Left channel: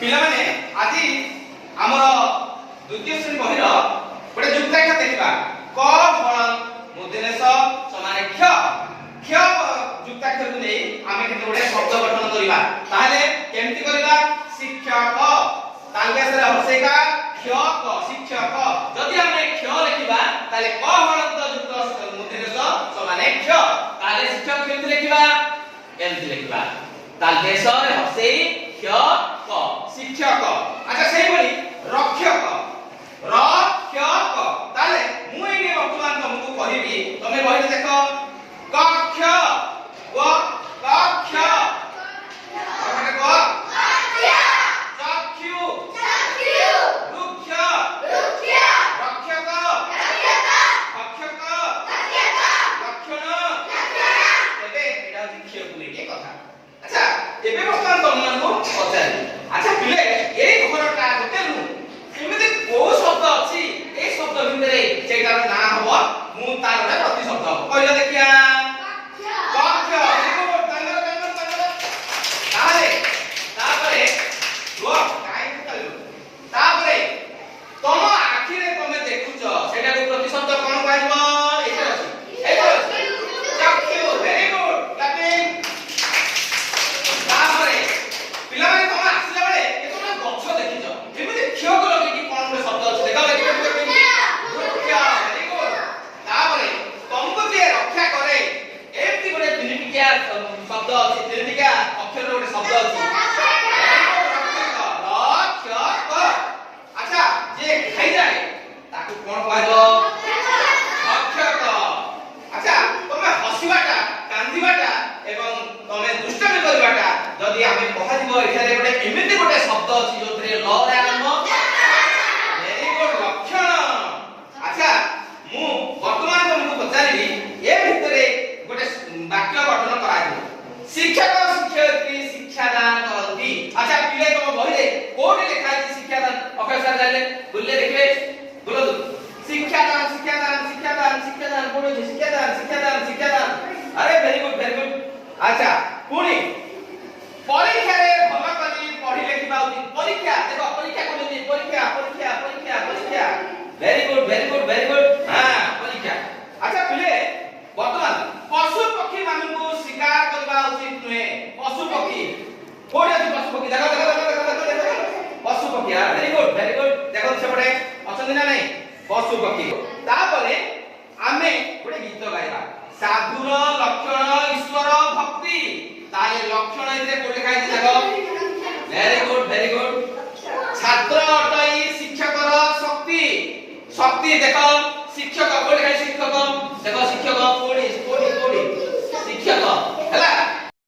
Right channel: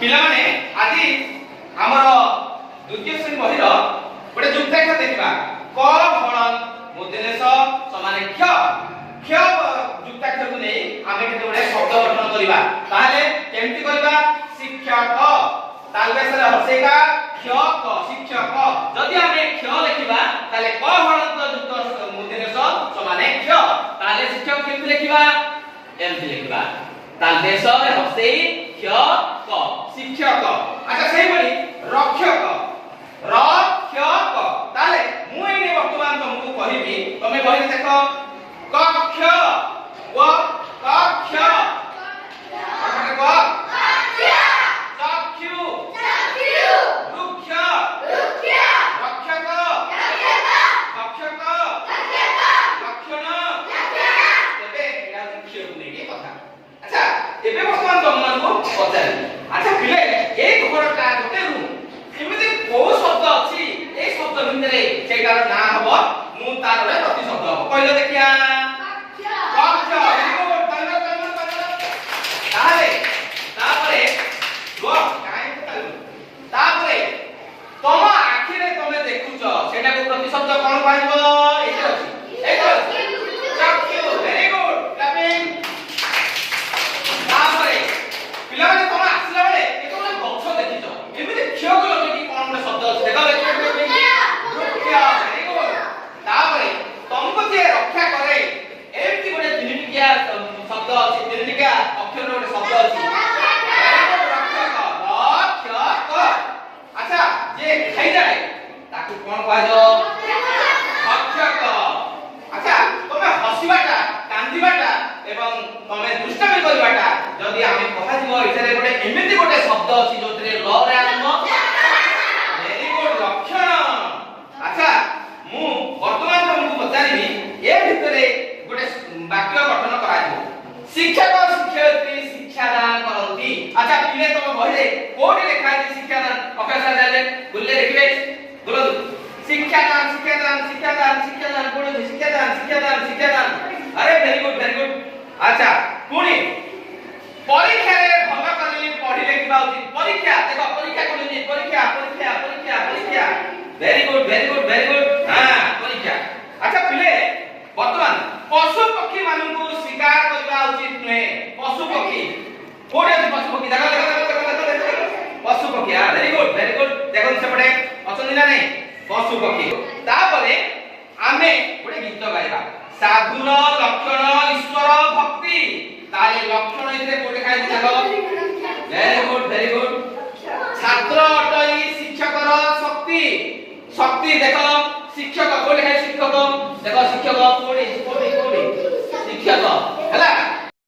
पिला माने आदि हमर द्वितीय श्रेणी बहिर गोटे जुक्ताक्षर देखिबा क हरण मूर्धन्यस समान क्ष क्ष जुक्ताक्षर को नै आमे केते गोटे शब्द गठन करिबा ताहाले केमति करिबा शिक्षक तालबेसरे हर्षेका क्ष क शिक्षक जदि आमे क्ष लिखिबा ताले क हरण युक्त मूर्धन्यस समान क्ष ताले शिक्षक केमति लिखिबा एमति लिखिबा तालबेसरे हर्षे क्ष क शिक्षक अच्छा सेही बोली रक्षक रक्षक ताले मु एने वर्तमान तुमको कहिबी तमे बहिरे देखो कक्ष व कक्ष अखने को कक्ष चक्षु चक्षु वृक्ष वृक्ष रक्षक रक्षक रक्षक लक्षण तबे एडा शिक्षक को लेके कथा अच्छा एबे वर्तमान तुमको पचारि अच्छा पिले ए घरटा गोटे रूम एमिति को शब्द अछि ए शब्द भितरे सेटार ना हबो मु तार रे प्रति शब्द हबो कहले देखिया कक्ष एगो तंगर तारे तापरे गो काई कल तापरे तम आखि रे तमे देखुछ सेटा को प्रति शब्द कोन पाइबो एगो चक्षु वेरी गुड क्लैपिंग तापरे पिला माने तम आसीला बेले एतो ना गछ देखिछ एमिति क्ष को लगे कि कोन रे शब्द अछि देखा वेरी गुड तापरे तमको जे रक्षा करे एमति गोटे तिनिटिका शब्द अछि तिनिटिका अक्षर गोटे शब्द अछि रक्षक अच्छा जे खाइ जाय ताकू कोन कहबो रक्षक अच्छा तमे हसिबाटा कांदिबाटा एवं तमे दुष्टामी करबाटा जदि आमे कहा दिबो एथरे गोटे एमिति गोटे शब्द अछि जोतरे ल रे आरंभ वेरी गुड लक्षण अच्छा मु वर्तमान तुमको पचारिबी ए भितरे गोटे वाक्य गठन करा दे शिक्षक शिक्षयित्री शिक्षादान करती अच्छा पिले तुम बहिरे कोठी लिखा है शिक्षादान अक्षर जाले बोलले देखले बोलो शिक्षादान शिक्षादान शिक्षादान शिक्षादान बोलो शिक्षादान शिक्षादान शिक्षादान अरे वेरी गुड अच्छा पुणी परीक्षा रे भल करी पढी लेखिबा उचित परीक्षा देखो परीक्षा कोन दी परीक्षा परीक्षा परीक्षा परीक्षा वेरी गुड हां परीक्षा अच्छा पिले वर्तमान पशु पक्षी मानकु शिकार करबा उचित नहे पशु पक्षी कोडे पशु पक्षी देखो पशु पक्षी हां वेरी गुड देखो सेपटे अछन ना नहीं पशु पक्षी तापरे आमे गोटे गीत गाइबा साधुर लक्षण ईश्वर भक्ति ताले लक्षण इते कोडे खाइ देखो वेरी गुड छात्र अटई शिक्षकर शक्ति शक्ति देखो शिक्षक कोडे खाइ शिक्षक देखो शिक्षक कोडे शिक्षक